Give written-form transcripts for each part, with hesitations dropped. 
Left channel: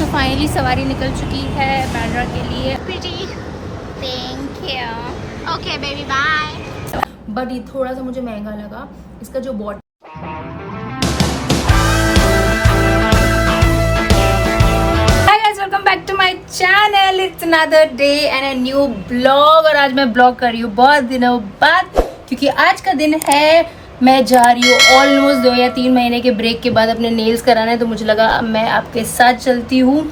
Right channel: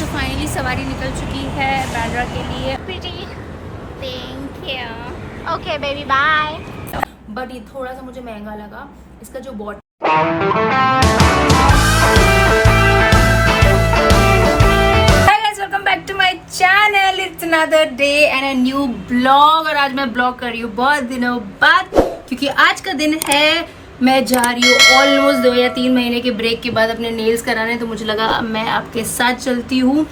तो फाइनली सवारी निकल चुकी है बांद्रा के लिए। Thank you. Okay baby bye. But ये थोड़ा सा मुझे महंगा लगा, इसका जो bottle. Welcome back to my channel. It's another day and a new blog. और आज मैं ब्लॉग कर रही हूँ बहुत दिनों बाद, क्योंकि आज का दिन है मैं जा रही हूँ ऑलमोस्ट 2 या 3 महीने के ब्रेक के बाद अपने नेल्स कराने। तो मुझे लगा मैं आपके साथ चलती हूँ,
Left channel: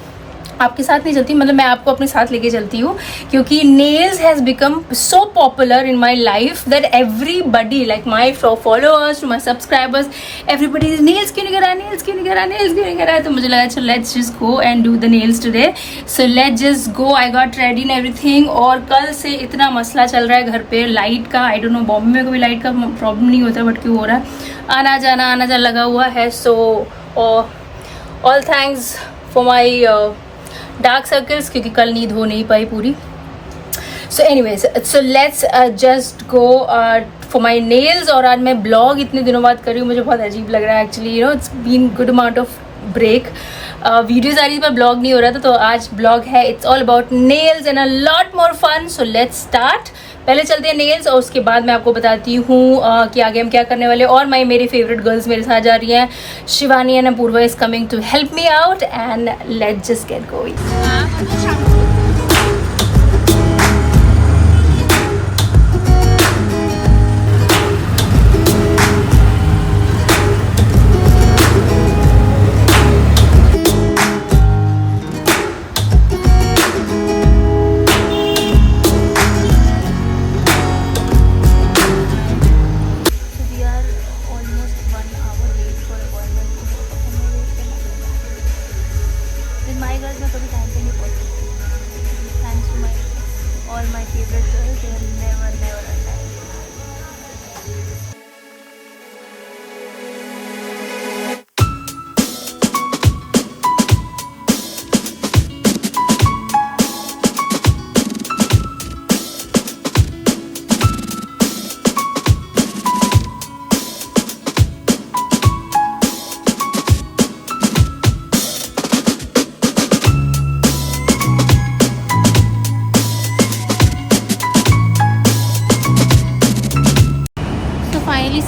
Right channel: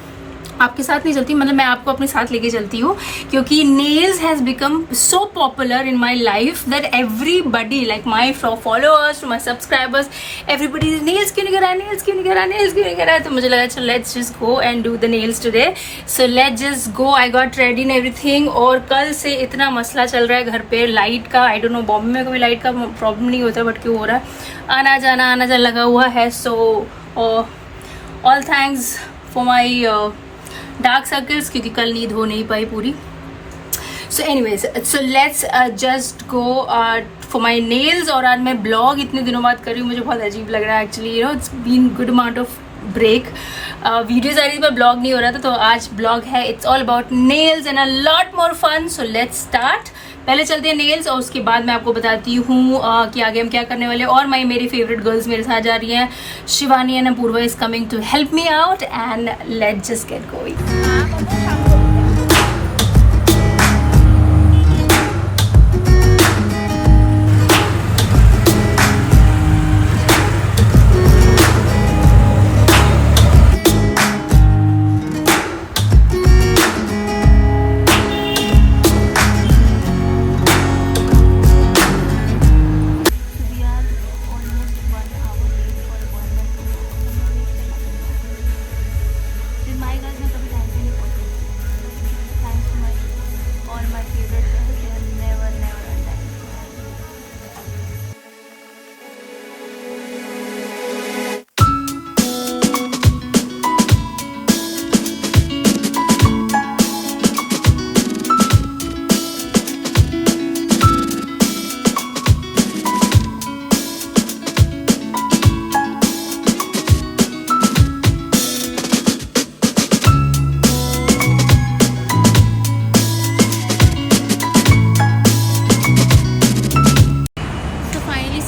आपके साथ नहीं चलती, मतलब मैं आपको अपने साथ लेके चलती हूँ, क्योंकि nails has become so popular in my life that everybody like my followers to my subscribers everybody is nails क्यों नहीं करा, नेल्स क्यों नहीं करा, नेल्स क्यों नहीं करा। तो मुझे लगा चलो let's just go and do the nails today. So let's just go. I got ready in everything. और कल से इतना मसला चल रहा है घर पे लाइट का। आई डोंट नो, बॉम्बे में कभी लाइट का प्रॉब्लम नहीं होता, बट क्यों हो रहा है, आना जाना लगा हुआ है। So all thanks for my dark circles, क्योंकि कल नींद हो नहीं पाई पूरी। So anyways, so let's just go for my nails. और आज मैं ब्लॉग इतने दिनों बाद कर रही हूँ, मुझे बहुत अजीब लग रहा है actually. You know, it's been good amount of break. Videos आ रही थी पर ब्लॉग नहीं हो रहा था, तो आज ब्लॉग है। It's all about nails and a lot more fun. So let's start. पहले चलते हैं नेल्स और उसके बाद मैं आपको बताती हूँ कि आगे हम क्या करने वाले। और मेरी फेवरेट गर्ल्स मेरे साथ जा रही हैं, Shivani and Apoorva is coming to help me out and let's just get going.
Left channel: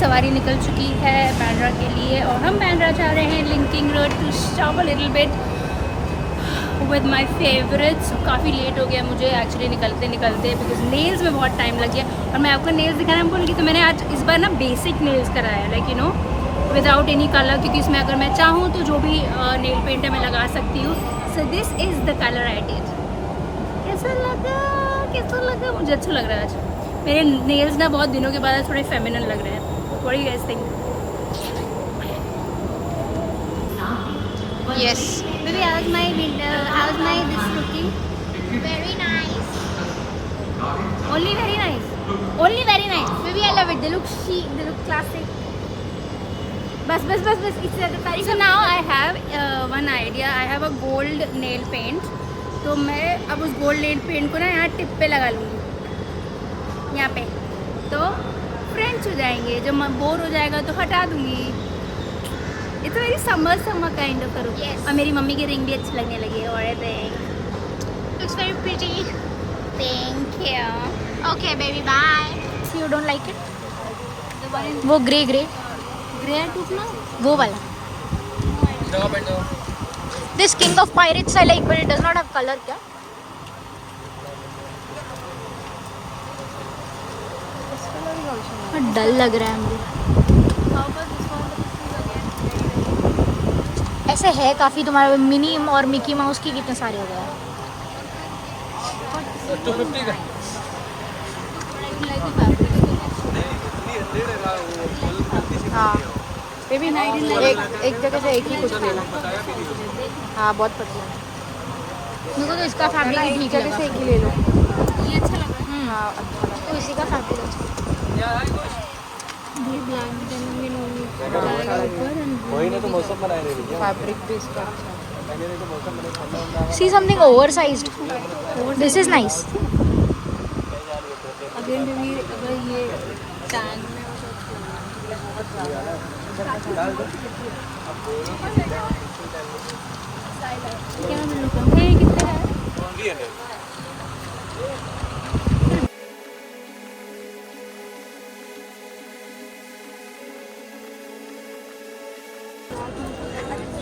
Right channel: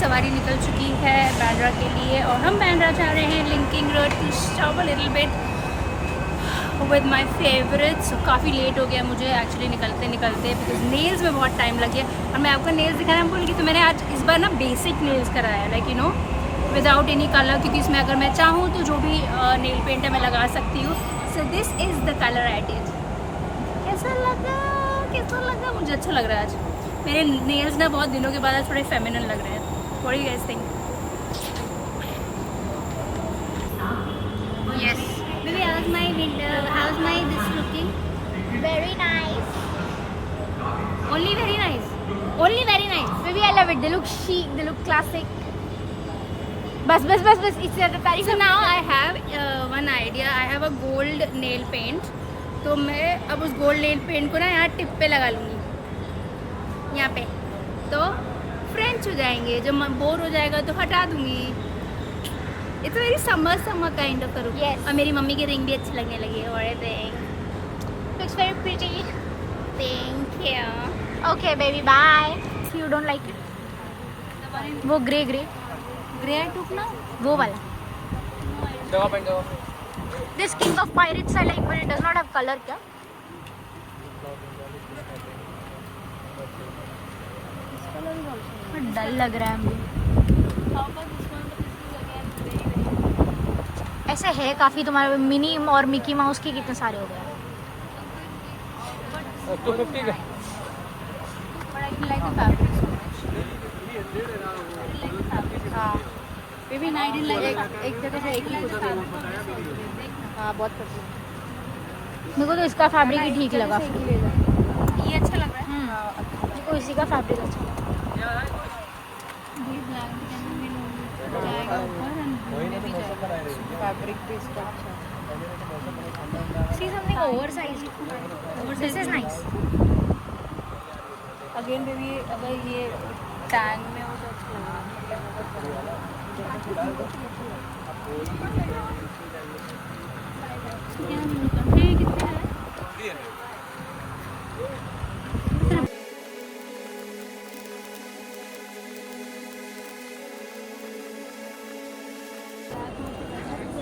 सवारी निकल चुकी है बांद्रा के लिए और हम बांद्रा जा रहे हैं Linking Road to shop a little bit with my favourites. काफ़ी लेट हो गया मुझे एक्चुअली निकलते बिकॉज नेल्स में बहुत टाइम लग गया। और मैं आपको नेल्स दिखाना भूल गई, तो मैंने आज इस बार ना बेसिक नेल्स कराया, like you no without any colour, क्योंकि इसमें अगर मैं चाहूँ तो जो भी नेल पेंट है मैं लगा सकती हूँ। सो this is the colour I did. कैसा लगा? मुझे अच्छा लग रहा है आज। मेरे नेल्स ना बहुत दिनों के बाद थोड़े फेमिनिन लग रहे हैं। What do you guys think? Yes. Baby, how's my this looking? Very nice. Only very nice. Only very nice. Baby, I love it. They look chic. They look classic. Bas. So now I have one idea. I have a gold nail paint. तो मैं अब उस gold nail paint को ना यहाँ tip पे लगा लूँगी, यहाँ पे, तो फ्रेंच हो जाएंगे। जब मैं बोर हो जाएगा तो हटा दूंगी। It's very summer kind of करूँ। और मेरी मम्मी की रिंग भी अच्छी लगने लगी है। और Looks very pretty. Thank you. Okay, baby. Bye. You don't like it? वो ग्रे टूटना, वो वाला। This king of pirates I like, but it does not have colour. क्या डल लग रहा है मुझे। ऐसे है काफ़ी। तुम्हारे मिनी और मिकी माउस के कितने सारे हो गए? 250 का। हाँ, एक जगह से एक ही कुछ था। हाँ, बहुत पसंद। मेरे को तो इसका फैब्रिक ही ठीक लगा। ये अच्छा लग रहा है। मेरे को इसी का फैब्रिक अच्छा लगा। जाएगा ऊपर फैब्रिक भी इसका। See something oversized. This is nice. Again baby, अगर ये टैंक में क्या मिलता है कितना है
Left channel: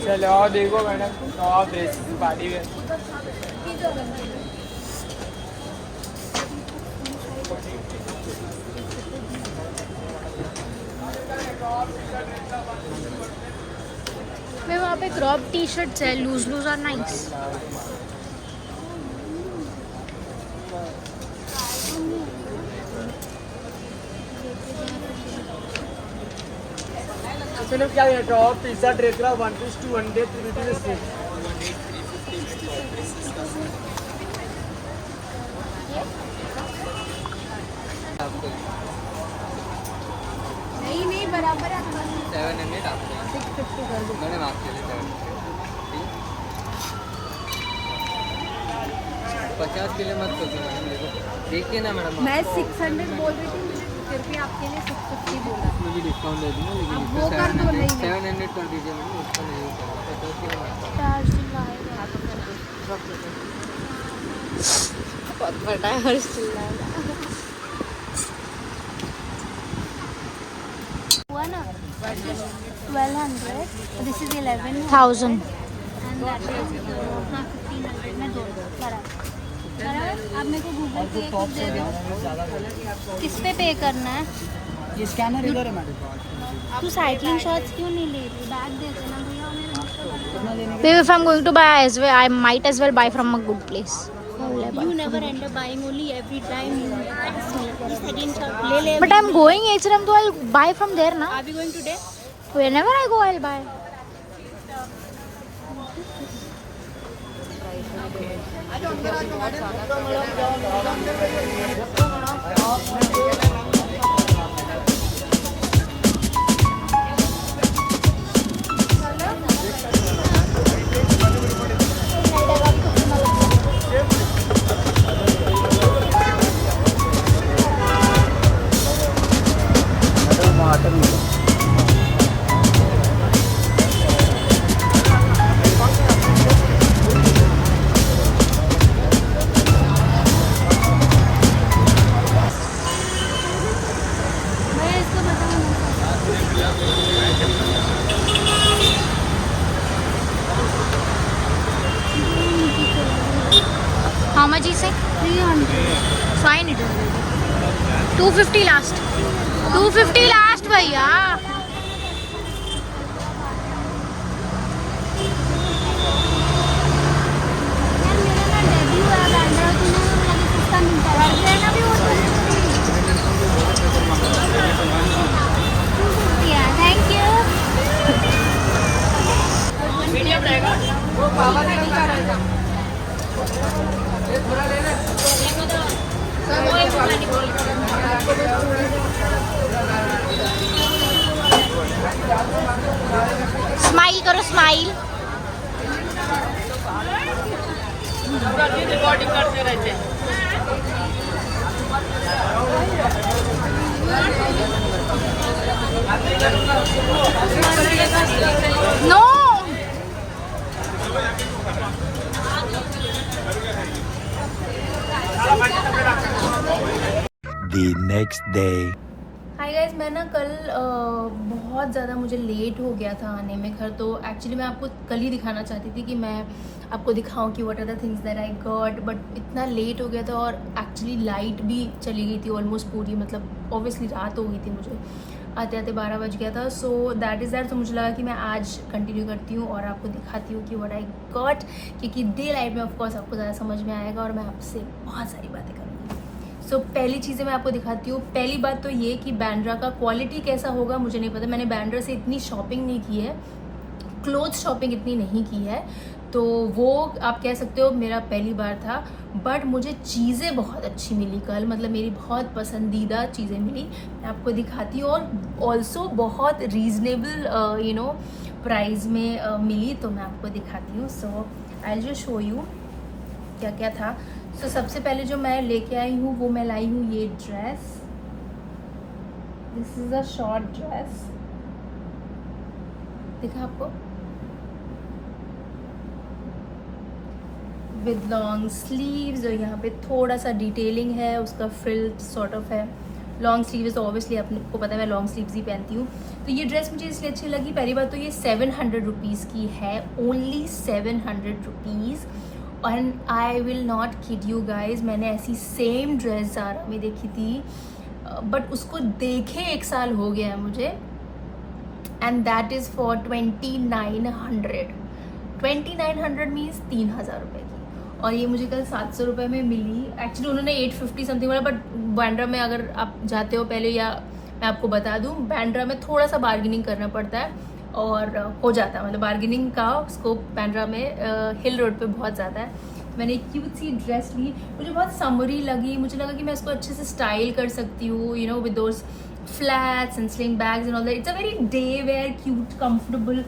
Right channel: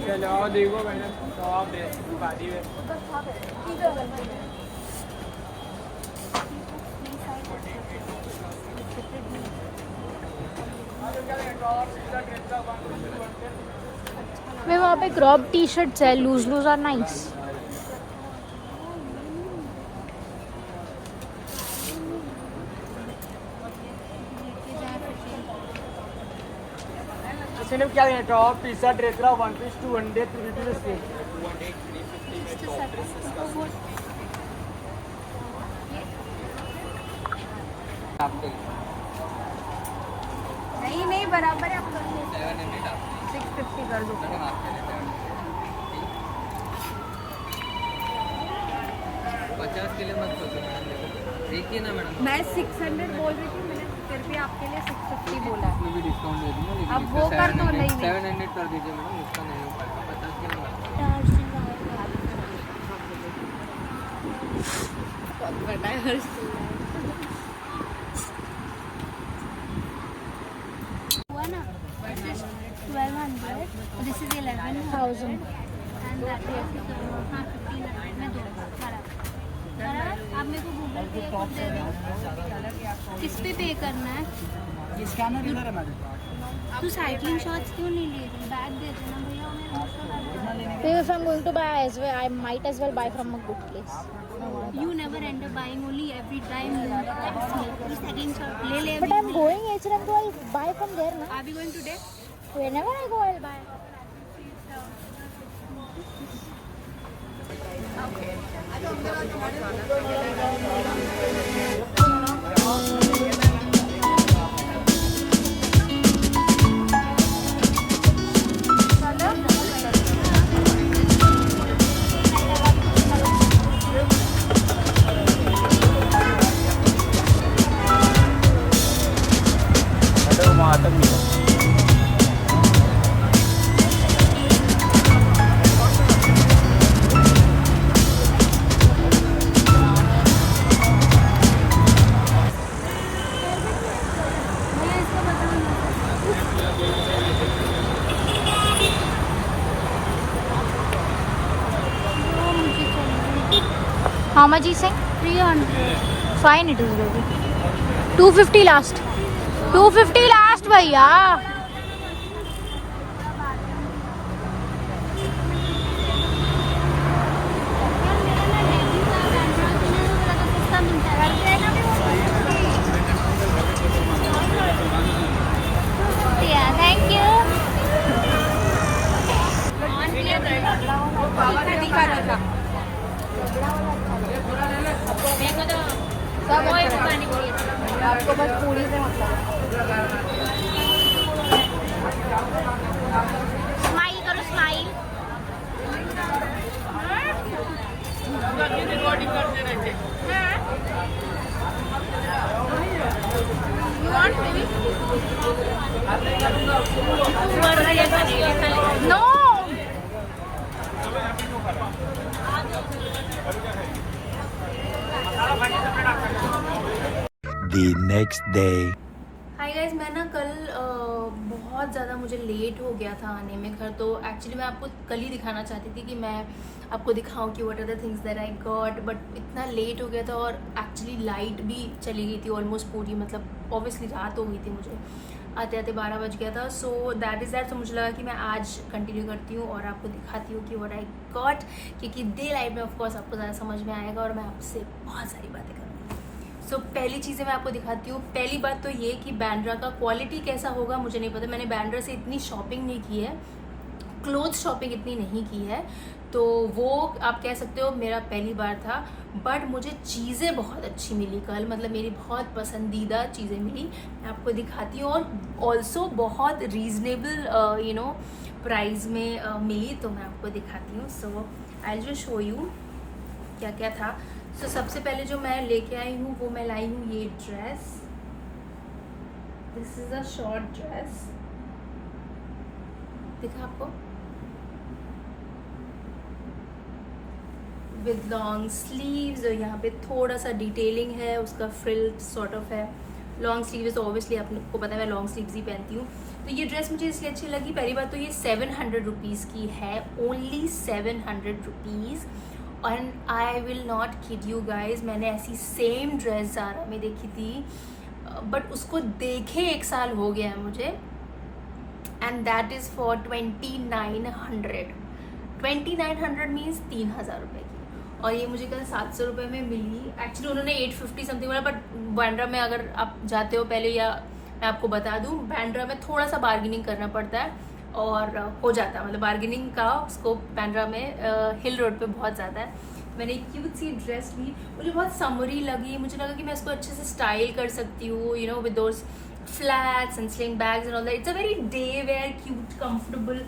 चलो देखो मैडम गाड़ी में उधर था मैं वहाँ पे क्रॉप टी शर्ट्स है लूज लूज आर नाइस इसने क्या ये टॉप टी शर्ट रेट रहा 1 पीस 2 1 डे 350 में सेम नहीं नहीं बराबर है 700 आपको 650 कर दो मैडम आपके लिए 50 के लिए मत सोचो मैडम देखो देखिए ना मैडम मैं 600 बोल रही थी मैंने फिर भी आपके लिए 650 बोला इसमें भी डिस्काउंट दे दूंगा लेकिन अब वो कर दो नहीं 700 कर दीजिए मैडम इसका नहीं हो पाएगा 50 के लिए मत बहुत बड़ा है हर हुआ ना 1200 this is 11,000 and that is 1500 में दो बराबर आप मेरे को गूगल पे किस पे पे करना है ये स्कैनर इधर है मैडम तू साइकिलिंग शॉर्ट्स क्यों नहीं ले रही बैग दे देना भैया हमें Maybe if I'm going to buy as well, I might as well buy from a good place. You never end up buying only every time you ask me. Second shop ले ले. But I'm going H&M, so I'll buy from there now. Are we going today? Whenever I go, I'll buy. मैं इसका बताना How much is it? 300. Fine, it will be 250 last. 250 last, भैया. यार मेरा ना debut है बैंड्रा तूने लगा सस्ता मिलता है और लेना भी वो 250 है थैंक यू Smile करो smile. No. The next day. Hi guys मैं ना कल बहुत ज़्यादा मुझे लेट हो गया था आने में घर तो एक्चुअली मैं आपको कल ही दिखाना चाहती थी कि मैं आपको दिखाऊं कि what are the things that I got but इतना लेट हो गया था और एक्चुअली लाइट भी चली गई थी ऑलमोस्ट पूरी मतलब ऑब्वियसली रात हो गई थी मुझे आते आते 12 बज गया था सो दैट इज़ दैट तो मुझे लगा कि मैं आज कंटिन्यू करती हूँ और आपको दिखाती हूँ कि व्हाट आई गॉट क्योंकि डे लाइफ में ऑफकोर्स आपको ज़्यादा समझ में आएगा और मैं आपसे बहुत सारी बातें करूँगी सो पहली चीज़ें मैं आपको दिखाती हूँ पहली बात तो ये कि बैंड्रा का क्वालिटी कैसा होगा मुझे नहीं पता मैंने बैंड्रा से इतनी शॉपिंग नहीं की है क्लोथ शॉपिंग इतनी नहीं की है तो वो आप कह सकते हो मेरा पहली बार था बट मुझे चीज़ें बहुत अच्छी मिली कल मतलब मेरी बहुत पसंदीदा चीज़ें मिली मैं आपको दिखाती हूँ और ऑल्सो बहुत रीजनेबल यू नो प्राइस में मिली तो मैं आपको दिखाती हूँ सो आई जस्ट शो यू क्या क्या था सो सबसे पहले जो मैं लेके आई हूँ वो मैं लाई हूँ ये dress this is a short dress दिखा आपको विद लॉन्ग स्लीव्स और यहाँ पे थोड़ा सा डिटेलिंग है, उसका फ्रिल सॉर्ट ऑफ है। लॉन्ग स्लीव्स तो ऑब्वियसली आपको पता है मैं लॉन्ग स्लीव्स ही पहनती हूँ। तो ये ड्रेस मुझे इसलिए अच्छी लगी, पहली बात तो ये 700 रुपीज़ की है, only 700 rupees. And I will not kid you guys, मैंने ऐसी सेम ड्रेस ज़ारा में देखी थी बट उसको देखे 1 साल हो गया है मुझे, and that is for 2900। 2900 means 3000 रुपये की, और ये मुझे कल 700 रुपये में मिली। एक्चुअली उन्होंने 850 समथिंग बोला, बट बांद्रा में अगर आप जाते हो पहले, या मैं आपको बता दूं बांद्रा में थोड़ा सा बार्गेनिंग करना पड़ता है और हो जाता है, मतलब बार्गेनिंग का स्कोप बांद्रा में हिल रोड पे बहुत ज़्यादा है। मैंने एक क्यूट सी ड्रेस ली, मुझे बहुत समरी लगी, मुझे लगा कि मैं इसको अच्छे से स्टाइल कर सकती हूँ, you know, with those flats and sling bags and all that. It's a very day wear cute comfortable,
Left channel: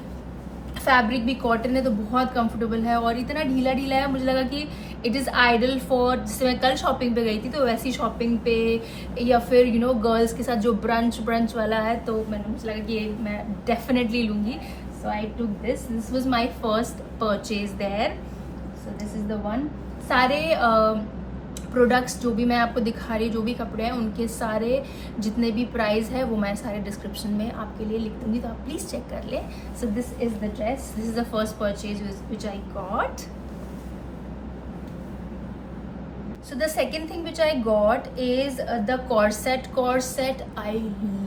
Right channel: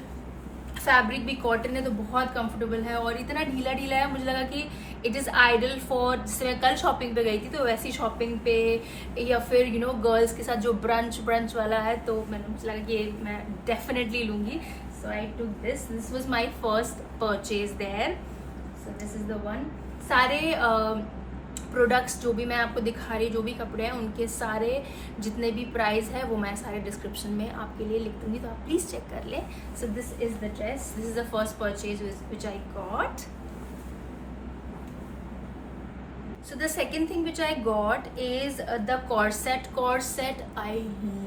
fabric भी कॉटन है तो बहुत कंफर्टेबल है और इतना ढीला ढीला है, मुझे लगा कि इट इज़ आइडल फॉर, जैसे मैं कल शॉपिंग पे गई थी तो वैसी शॉपिंग पे, या फिर यू नो गर्ल्स के साथ जो ब्रंच वाला है, तो मुझे लगा कि मैं डेफिनेटली लूँगी। So I took this was my first purchase there. So this is the one. सारे प्रोडक्ट्स जो भी मैं आपको दिखा रही हूँ, जो भी कपड़े हैं, उनके सारे जितने भी प्राइस है वो मैं सारे डिस्क्रिप्शन में आपके लिए लिख दूंगी, तो आप प्लीज़ चेक कर लें। सो this is the dress, this is the first purchase which I got. So the second thing which I got is the corset. Corset, I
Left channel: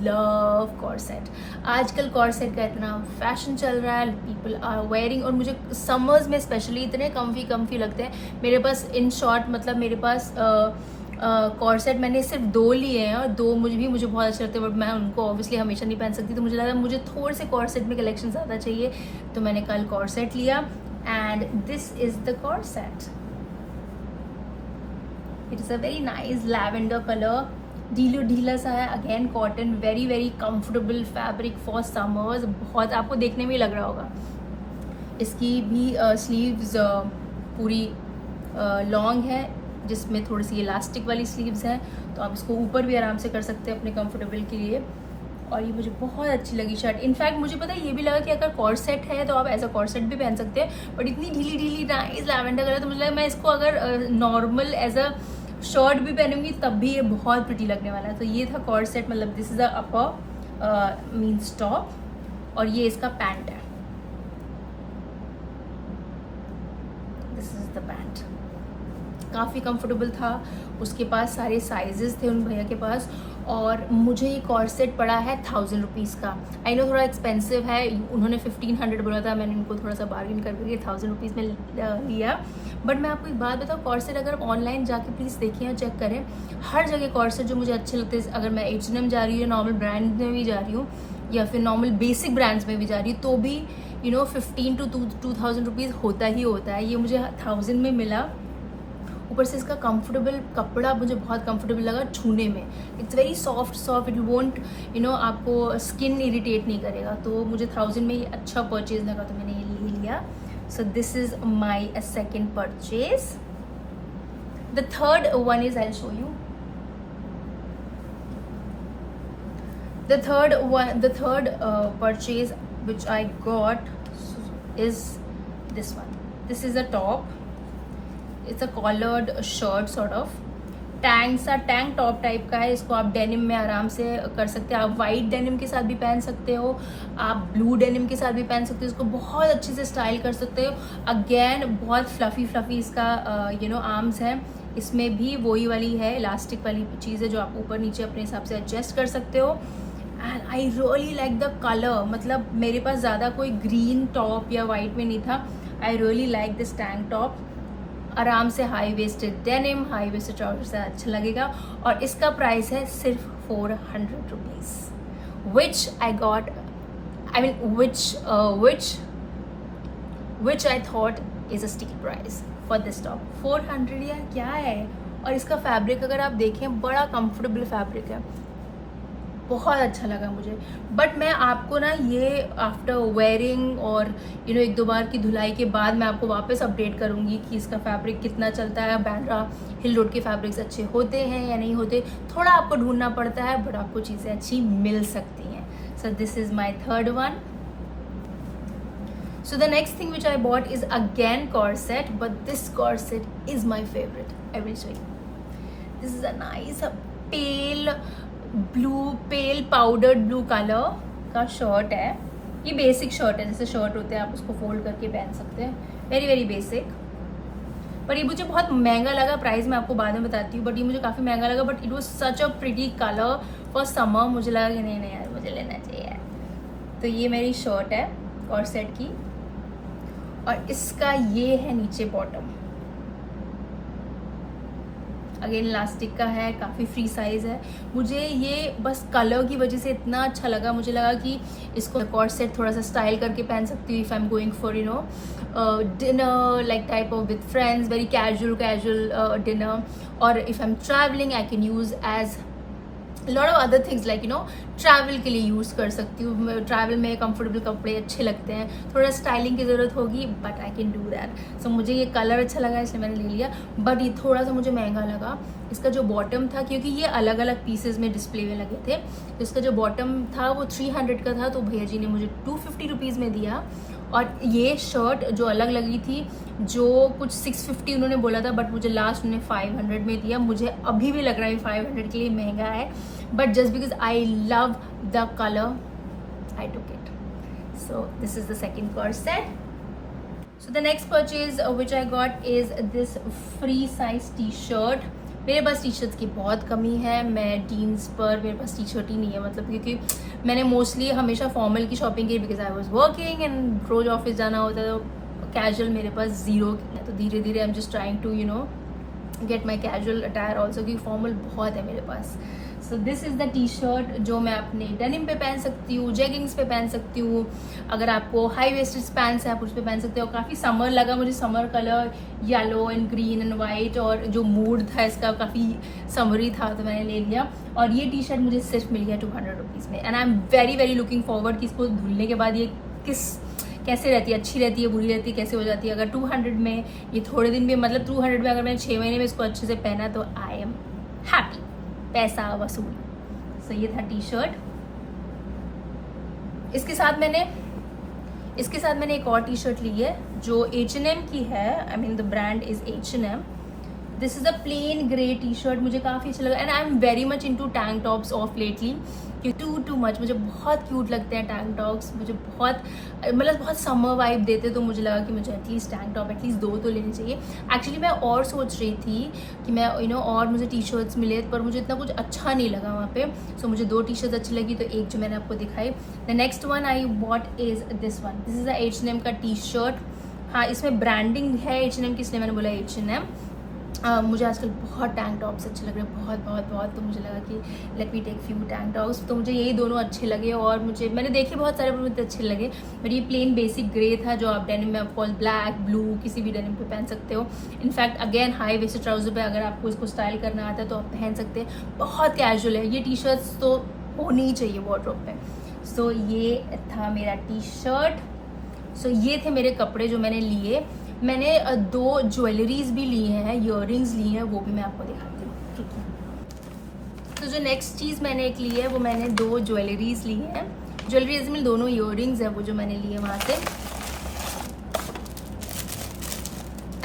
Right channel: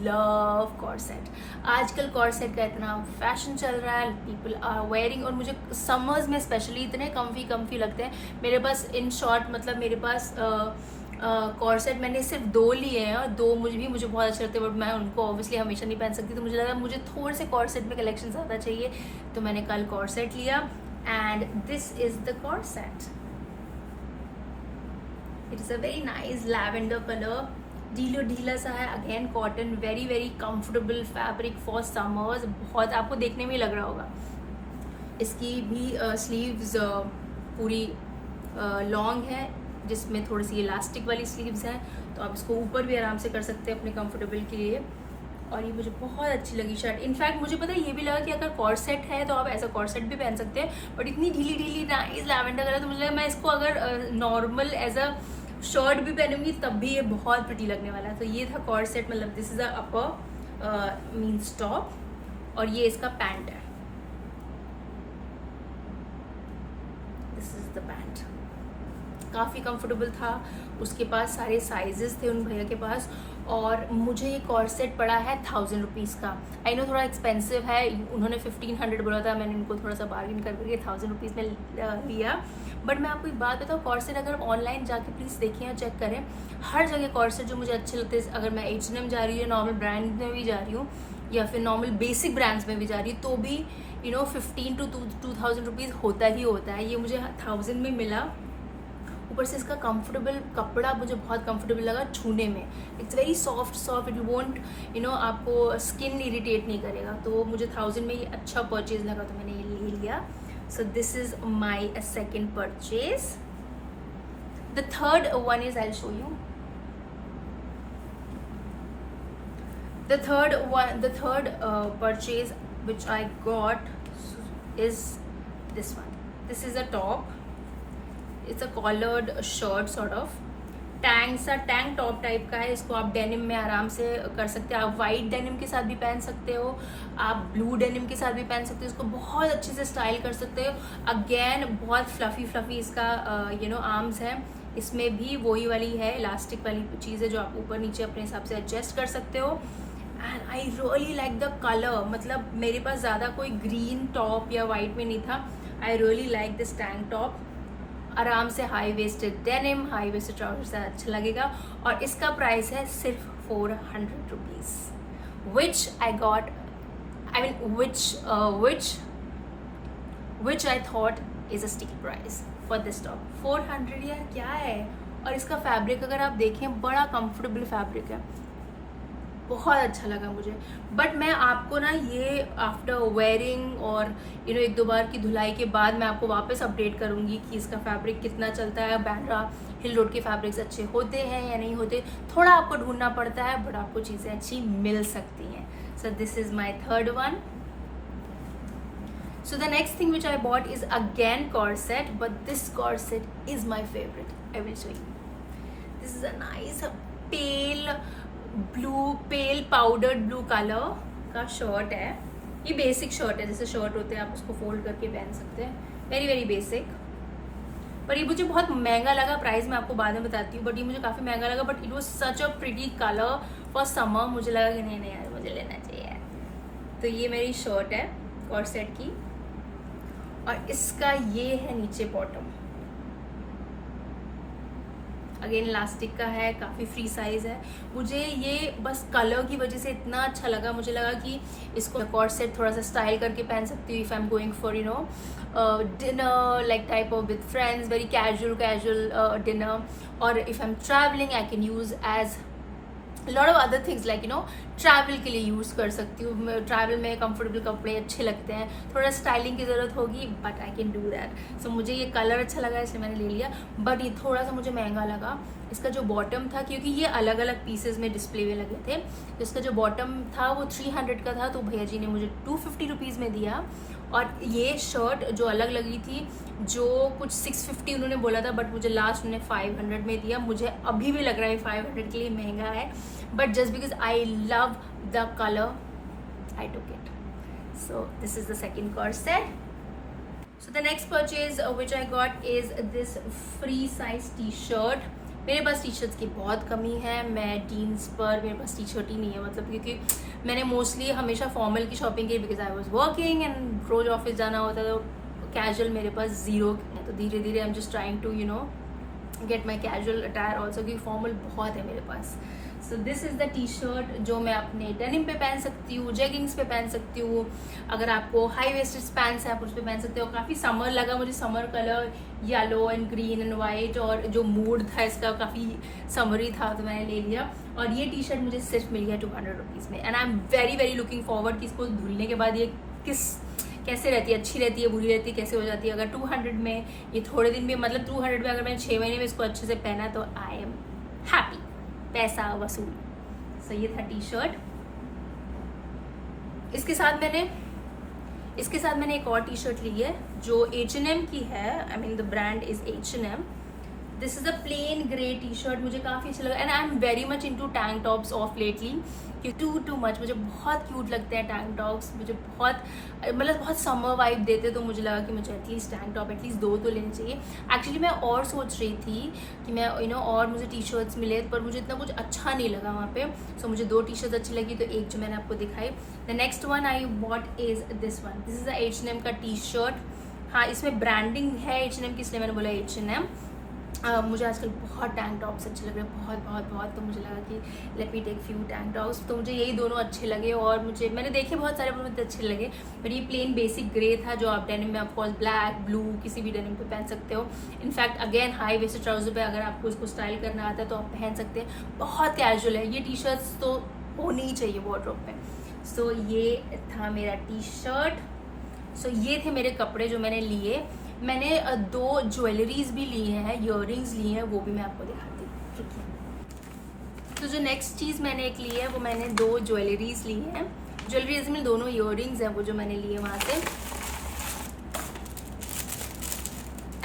love corset. आजकल corset का इतना फैशन चल रहा है, people are wearing, और मुझे summers में specially इतने comfy लगते हैं। मेरे पास इन शॉर्ट मतलब मेरे पास कॉर्सेट मैंने सिर्फ 2 लिए हैं और 2 मुझे बहुत अच्छे लगते हैं, बट मैं उनको ऑब्वियसली हमेशा नहीं पहन सकती, तो मुझे लगा मुझे थोड़े से कॉर्सेट में कलेक्शन ज़्यादा चाहिए, तो मैंने कल कॉर्सेट लिया। And this is the corset. It is a very nice lavender colour, ढीला सा है, again cotton, very very comfortable fabric for summers. बहुत आपको देखने में ही लग रहा होगा। इसकी भी स्लीव्स पूरी लॉन्ग है, जिसमें थोड़ी सी इलास्टिक वाली स्लीव्स हैं, तो आप इसको ऊपर भी आराम से कर सकते हैं अपने कंफर्टेबल के लिए। और ये मुझे बहुत अच्छी लगी शर्ट। इनफैक्ट मुझे पता है ये भी लगा कि अगर कॉर्सेट है तो आप ऐसा कॉर्सेट भी पहन सकते हैं, बट इतनी ढीली नाइस लैवेंडर कलर, तो मुझे लगा मैं इसको अगर नॉर्मल एज अ शर्ट भी पहनूंगी तब भी ये बहुत प्रिटी लगने वाला है। तो ये था कॉर्सेट, मतलब this is the upper means top, और ये इसका पैंट है, दिस इज द पैंट। काफ़ी कंफर्टेबल था, उसके पास सारे साइजेस थे उन भैया के पास, और मुझे ये कॉर्सेट पड़ा है 1000 रुपीज़ का। आई नो थोड़ा एक्सपेंसिव है, उन्होंने 1500 बोला था, मैंने उनको थोड़ा सा बार्गेन करके 1000 रुपीज़ में लिया। बट मैं आपको एक बात बताऊँ, कॉर्सेट अगर ऑनलाइन जाके प्लीज़ देखिए और चेक करें, हर जगह कॉर्सेट जो मुझे अच्छे लगते हैं, अगर मैं H&M जा रही हूँ, नॉर्मल ब्रांड में भी जा रही हूँ, या फिर नॉर्मल बेसिक ब्रांड्स में भी जा रही हूँ, तो भी 15 to 2000 रुपीज़ होता ही होता है। ये मुझे 1000 में मिला। ऊपर से इसका कंफर्टेबल कपड़ा मुझे बहुत कंफर्टेबल लगा छूने में, it's very soft, it won't आपको स्किन इरिटेट नहीं करेगा, तो मुझे 1000 में ये अच्छा परचेज लगा, तो मैंने ये ले लिया। So this is my second purchase. The third one is, I will show you the third purchase which I got is this one. This is a top, it's a collared shirt sort of, tank top type का है। इसको आप denim में आराम से कर सकते हैं, आप वाइट डेनिम के साथ भी पहन सकते हो, आप ब्लू डेनिम के साथ भी पहन सकते हो, इसको बहुत अच्छे से स्टाइल कर सकते हो। अगेन बहुत फ्लफी इसका आर्म्स है, इसमें भी वही वाली है, इलास्टिक वाली चीज़ है जो आप ऊपर नीचे अपने हिसाब से एडजस्ट कर सकते हो। And I really like the colour, मतलब मेरे पास ज़्यादा कोई ग्रीन टॉप या वाइट में नहीं था। I really like this tank top, आराम से high waisted denim, high waisted trouser से अच्छा लगेगा, और इसका प्राइस है सिर्फ 400 rupees, which I got, I mean which I thought is a steel price for this top. 400 यार क्या है। और इसका फैब्रिक अगर आप देखें, बड़ा कंफर्टेबल फैब्रिक है, बहुत अच्छा लगा मुझे। बट मैं आपको ना ये आफ्टर वेयरिंग और 1-2 बार की धुलाई के बाद मैं आपको वापस अपडेट करूँगी कि इसका फैब्रिक कितना चलता है। बांद्रा हिल रोड के फैब्रिक्स अच्छे होते हैं या नहीं होते, थोड़ा आपको ढूंढना पड़ता है, बट आपको चीज़ें अच्छी मिल सकती हैं। सो this is my third one. So the next thing which I bought is again corset, but this corset is my favorite. I will show you. This is a nice pale powdered blue color का shirt है. ये basic shirt है, जैसे shirt होते हैं आप उसको fold करके पहन सकते हैं. Very very basic. पर ये मुझे बहुत महंगा लगा. प्राइस मैं आपको बाद में बताती हूँ, बट ये मुझे काफ़ी महंगा लगा. But it was such a pretty colour for summer. मुझे लगा कि नहीं यार मुझे लेना चाहिए यार. तो ये मेरी शर्ट है कॉर्सेट की, और इसका ये है नीचे बॉटम. अगेन इलास्टिक का है, काफ़ी फ्री साइज है. मुझे ये बस कलर की वजह से इतना अच्छा लगा. मुझे लगा कि इसको कॉर्सेट थोड़ा सा स्टाइल करके पहन सकती हूँ if I am going for you know dinner like type of with friends, very casual dinner. और if I am travelling I can use as lot of other things like you know travel के लिए use कर सकती हूँ. Travel में comfortable कपड़े अच्छे लगते हैं. थोड़ा स्टाइलिंग की ज़रूरत होगी but I can do that. So मुझे ये कलर अच्छा लगा इसलिए मैंने ले लिया. बट ये थोड़ा सा मुझे महंगा लगा. इसका जो बॉटम था, क्योंकि ये अलग अलग पीसेज में डिस्प्ले में लगे थे, तो इसका जो बॉटम था वो 300 का था. तो भैया जी ने मुझे 250 रुपीज़ में दिया. और ये शर्ट जो अलग लगी थी, जो कुछ 650 उन्होंने बोला था, बट मुझे लास्ट उन्होंने 500 में दिया. मुझे अभी भी लग रहा है 500 के लिए महंगा है, but just because I love the colour I took it. So this is the second corset. So the next purchase which I got is this free size t-shirt. मेरे पास टी शर्ट्स की बहुत कमी है. मैं जीन्स पर मेरे पास T shirt ही नहीं है, मतलब क्योंकि मैंने मोस्टली हमेशा फॉर्मल की शॉपिंग की, because I was working and रोज ऑफिस जाना होता है. तो कैजुअल मेरे पास ज़ीरो है. तो धीरे धीरे I am just trying to you know get my casual attire also, क्योंकि फॉर्मल बहुत है मेरे पास. So this is the T shirt जो मैं अपने डेनिम पे पहन सकती हूँ, जेगिंग्स पे पहन सकती हूँ. अगर आपको हाई वेस्टेड पैंट्स है आप उस पर पहन सकते हो. काफ़ी समर लगा मुझे. Summer colour yellow and green and white, और जो मूड था इसका काफ़ी समरी था, तो मैंने ले लिया. और ये टी शर्ट मुझे सिर्फ मिल गया 200 रुपीज़ में. And I am very very looking forward कि इसको धुलने के बाद ये कैसे रहती है, अच्छी रहती है, बुरी रहती है, कैसे हो जाती है. अगर 200 में ये थोड़े दिन भी, मतलब 200 में अगर मैंने 6 महीने में इसको अच्छे से पहना तो आई एम हैप्पी. पैसा वसूल. सो ये था टी शर्ट. इसके साथ मैंने एक और टी शर्ट ली है जो H&M की है. I mean the brand is H&M. This is a plain grey T shirt. मुझे काफ़ी अच्छा लगा. And I am very much into tank tops of lately. Too much मुझे बहुत क्यूट लगते हैं टैंक टॉप्स. मुझे बहुत समर वाइब देते. तो मुझे लगा कि मुझे एटलीस्ट टैंक टॉप एटलीस्ट 2 तो लेने चाहिए. एक्चुअली मैं और सोच रही थी कि मैं और मुझे टी शर्ट्स मिले, पर मुझे इतना कुछ अच्छा नहीं लगा वहाँ पे. सो मुझे 2 टी शर्ट्स अच्छी लगी, तो एक जो मैंने आपको दिखाई. The next one I what is this one. This is a H&M का टी शर्ट. हाँ, इसमें ब्रांडिंग है H&M की, इसलिए मैंने बोला H&M. मुझे आजकल बहुत टैंक टॉप्स अच्छे लग रहे हैं, बहुत. तो मुझे लगा कि let me take few tank tops. तो मुझे यही दोनों अच्छे लगे. और मैंने देखे बहुत सारे, मुझे अच्छे लगे. बट ये प्लेन बेसिक ग्रे था, जो आप डेनिम में ऑफकोर्स ब्लैक ब्लू किसी भी डेनिम पे पहन सकते हो. In fact again high waisted trouser पे अगर आपको इसको स्टाइल करना आता है तो आप पहन सकते हैं. बहुत कैजुअल है. ये टी शर्ट्स तो होनी ही चाहिए वार्डरोब पे. सो ये था मेरा टी शर्ट. सो ये थे मेरे कपड़े जो मैंने लिए. मैंने 2 ज्वेलरीज भी ली हैं, ईयररिंग्स ली हैं, वो भी मैं आपको दिखाती हूँ. तो जो नेक्स्ट चीज़ मैंने एक ली है वो मैंने 2 ज्वेलरीज ली हैं. ज्वेलरीज में दोनों ईयररिंग्स हैं वो जो मैंने लिए वहाँ से.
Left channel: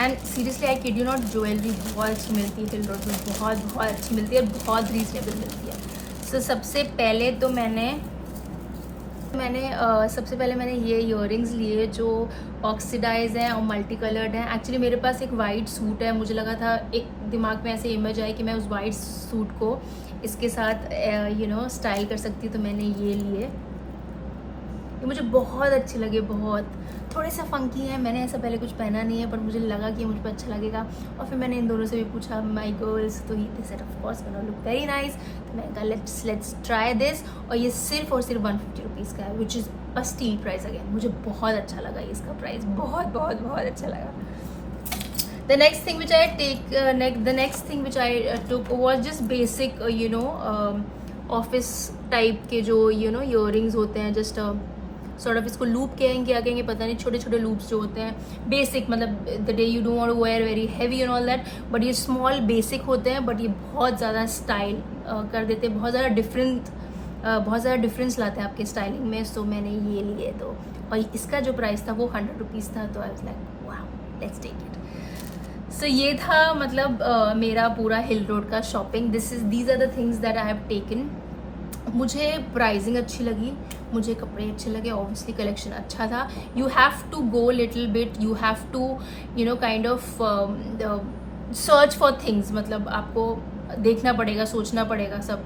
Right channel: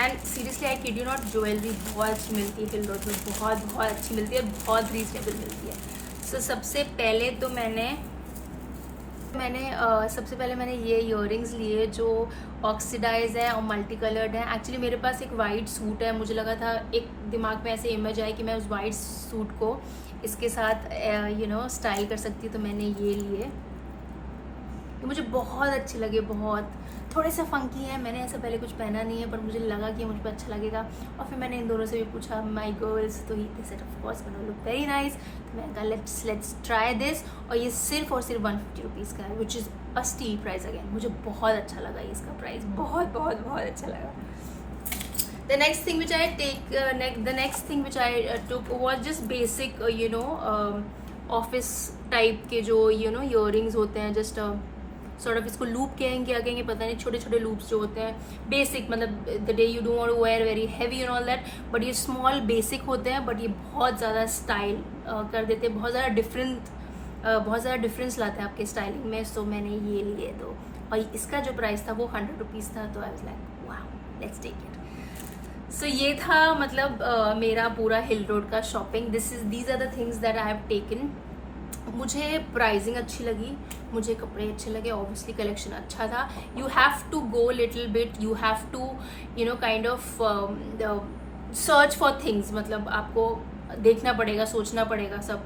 And seriously I kid you not, jewellery बहुत अच्छी मिलती है हिल रोड में. बहुत अच्छी मिलती है, बहुत रीजनेबल मिलती है. सो सबसे पहले मैंने ये ईयररिंग्स लिए जो ऑक्सीडाइज हैं और मल्टी कलर्ड हैं. एक्चुअली मेरे पास एक वाइट सूट है. मुझे लगा था, एक दिमाग में ऐसे इमेज आई कि मैं उस वाइट सूट को इसके साथ स्टाइल कर सकती. तो मैंने ये लिए. ये मुझे बहुत अच्छे लगे. बहुत थोड़े से फंकी हैं. मैंने ऐसा पहले कुछ पहना नहीं है, पर मुझे लगा कि मुझ पर अच्छा लगेगा. और फिर मैंने इन दोनों से भी पूछा माई गर्ल्स, तो he said of course gonna look very nice. तो मैंने कहा लेट्स ट्राई दिस. और ये सिर्फ 150 रुपीज़ का है, which is a steel price. Again मुझे बहुत अच्छा लगा ये इसका प्राइस. बहुत अच्छा लगा. The next thing which I took was just basic office type के जो earrings होते हैं. just sort of इसको लूप कहेंगे पता नहीं, छोटे लूप्स जो होते हैं बेसिक, मतलब the day you don't want to wear very heavy and all that. But ये स्मॉल बेसिक होते हैं, बट ये बहुत ज़्यादा स्टाइल कर देते हैं. बहुत ज़्यादा डिफरेंस लाते हैं आपके स्टाइलिंग में. सो मैंने ये लिए 2. और इसका जो प्राइस था वो 100 रुपीज़ था, तो I was like wow let's take it. सो ये था मतलब मेरा पूरा हिल रोड का shopping. These are the things that I have taken. मुझे प्राइसिंग अच्छी लगी, मुझे कपड़े अच्छे लगे, ऑब्वियसली कलेक्शन अच्छा था। You have to go little bit, you have to you know kind of search for things, मतलब आपको देखना पड़ेगा, सोचना पड़ेगा सब।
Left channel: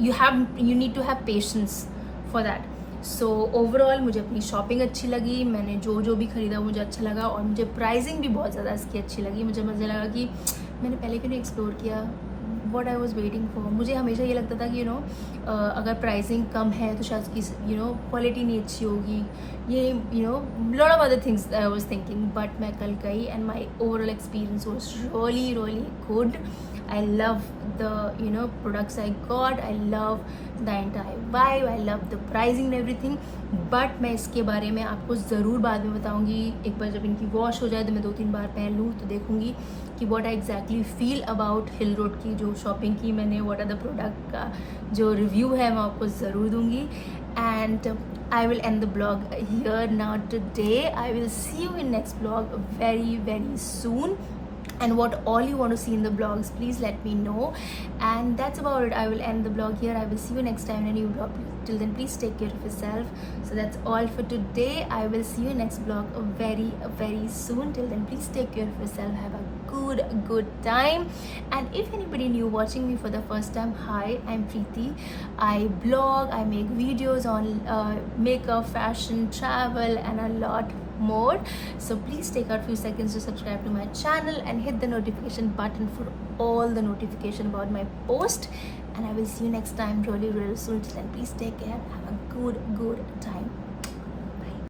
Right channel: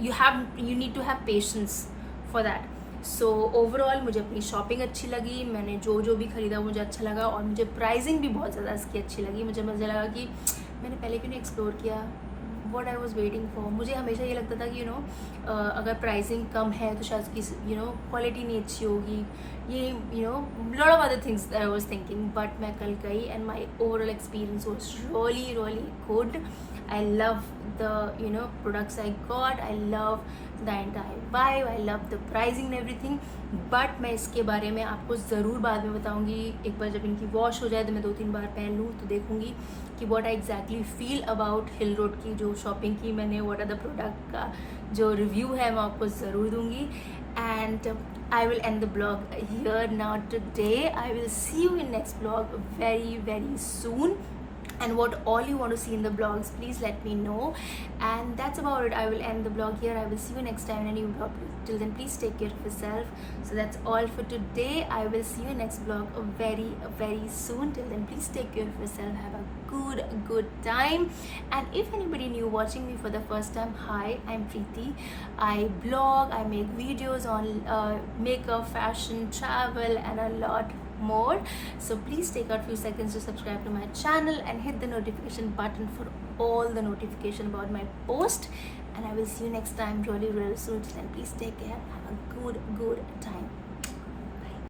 You need to have patience for that. So overall मुझे अपनी शॉपिंग अच्छी लगी, मैंने जो भी खरीदा मुझे अच्छा लगा, और मुझे प्राइसिंग भी बहुत ज़्यादा इसकी अच्छी लगी। मुझे लगा कि मैंने पहले क्यों नहीं एक्सप्लोर किया, what I was waiting for. मुझे हमेशा ये लगता था कि अगर प्राइसिंग कम है तो शायद उसकी क्वालिटी नहीं अच्छी होगी, ये lot of other things I was thinking. But मैं कल गई and my overall experience was really good. I love the products I got, I love the entire vibe, I love the pricing and everything. But मैं इसके बारे में आपको ज़रूर बाद में बताऊंगी। एक बार जब इनकी वॉश हो जाए तो मैं 2-3 बार पहन लूँ तो देखूंगी कि what I exactly feel about hill road की जो शॉपिंग की मैंने, व्हाट आर द प्रोडक्ट का जो रिव्यू है मैं आपको ज़रूर दूंगी। And I will end the blog here now today. I will see you in next blog very soon. And what all you want to see in the blogs, please let me know. And that's about it. I will end the blog here. I will see you next time in a new blog. Till then, please take care of yourself. So that's all for today. I will see you next blog very soon. Till then, please take care of yourself. Have a good time. And if anybody new watching me for the first time, hi, I'm Preeti. I blog, I make videos on makeup, fashion, travel, and a lot more. So please take out few seconds to subscribe to my channel and hit the notification button for all the notification about my post. And I will see you next time really soon. Then please take care. Have a good time.